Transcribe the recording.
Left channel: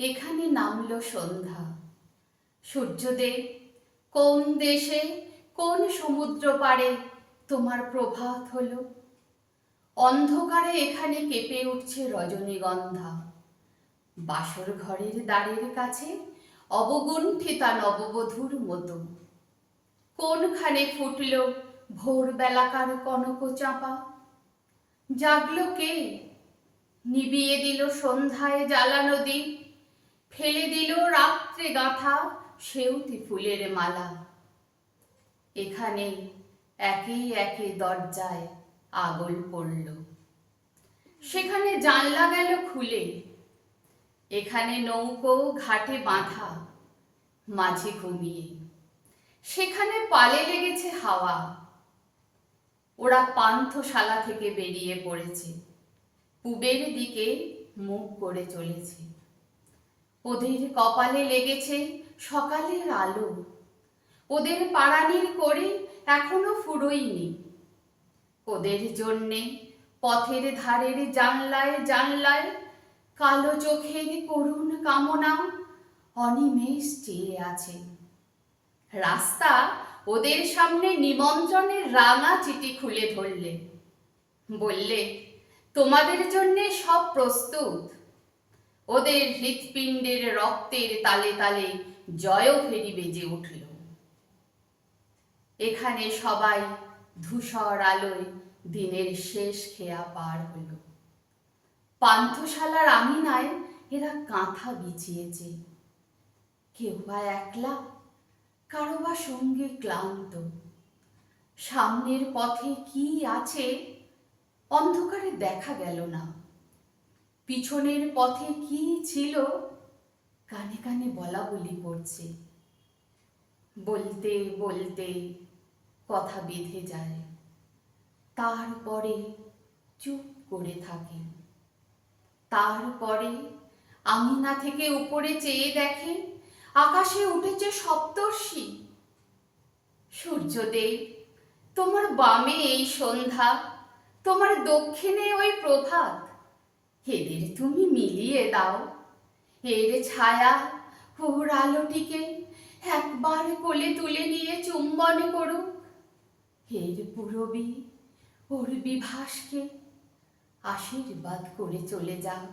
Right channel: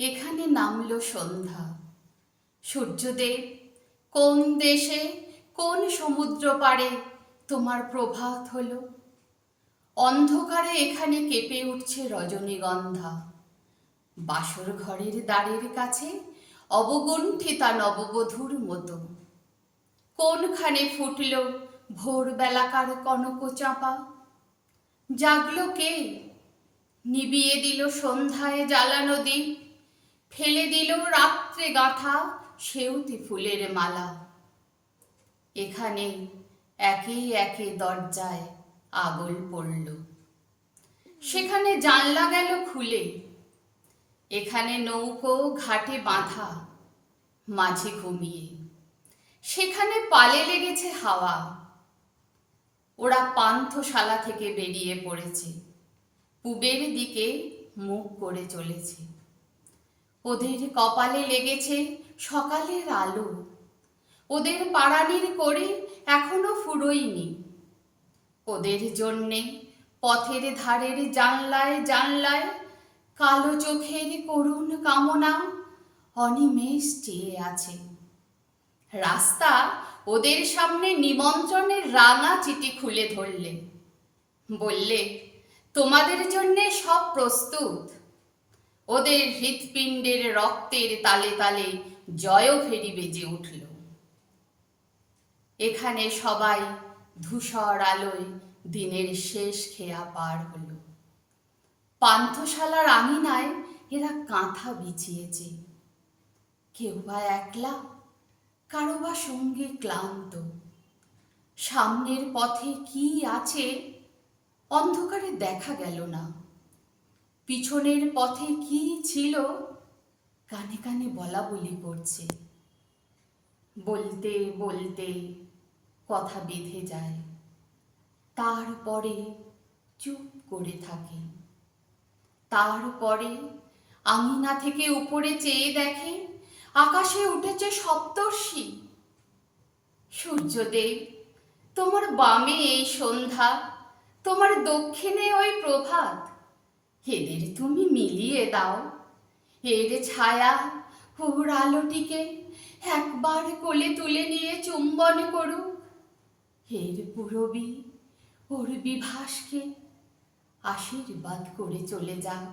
এখানে নামলো সন্ধ্যা। সূর্যদেব, কোন দেশে কোন সমুদ্র পাড়ে তোমার প্রভাত হলো? অন্ধকারে এখানে কেঁপে উঠছে রজনীগন্ধা। বাসর ঘরের দ্বারের কাছে অবগুণ্ঠিতা নববধূর মতো। কোনখানে ফুটল ভোরবেলাকার কনক চাঁপা? জাগলো কে? নিবিয়ে দিল সন্ধ্যায় জ্বালানো দ্বীপ, ফেলে দিল রাত্রে গাঁথা সেউতি ফুলের মালা। এখানে একে একে দরজায় আগল পড়ল, সেখানে জানলা গেল খুলে। এখানে নৌকো ঘাটে বাঁধা, মাঝি ঘুমিয়ে। সেখানে পালে লেগেছে হাওয়া। ওরা পান্থশালা থেকে বেরিয়ে পড়েছে, পূবের দিকে মুখ করে চলেছে। ওদের কপালে লেগেছে সকালের আলো। ওদের পাড়ানির করে এখনো ফুরোয়নি। ওদের জন্যে পথের ধারের জানলায় জানলায় কালো চোখের করুণ কামনা অনিমেষ চেয়ে আছে। রাস্তা ওদের সামনে নিমন্ত্রণের রাঙা চিঠি খুলে ধরলে, বললে, তোমাদের জন্যে সব প্রস্তুত। ওদের হৃৎপিণ্ডের রক্তের তালে তালে জয়ভেরি বেজে উঠল। এখানে সবাই ধূসর আলোয় দিনের শেষ খেয়া পার হলো। পান্থশালার আঙিনায় এরা কাঁথা বিছিয়েছে। কেউ বা একলা, কারো বা সঙ্গে ক্লান্ত। সামনের পথে কি আছে অন্ধকারে দেখা গেল না। পিছনের পথে কি ছিল কানে কানে বলা বলি করছে। বলতে বলতে কথা বেঁধে যায়, তারপরে চুপ করে থাকে। তারপরে আঙিনা থেকে উপরে চেয়ে দেখে আকাশে উঠেছে সপ্তর্ষি। সূর্যদেব, তোমার বামে এই সন্ধ্যা, তোমার দক্ষিণে ওই প্রভাত। এদের তুমি মিলিয়ে দাও। এর ছায়া ওর আলোটিকে একবার কোলে তুলে নিয়ে চুম্বন করুক। এর পূরবী ওর বিভাসকে আশীর্বাদ করে চলে যাও।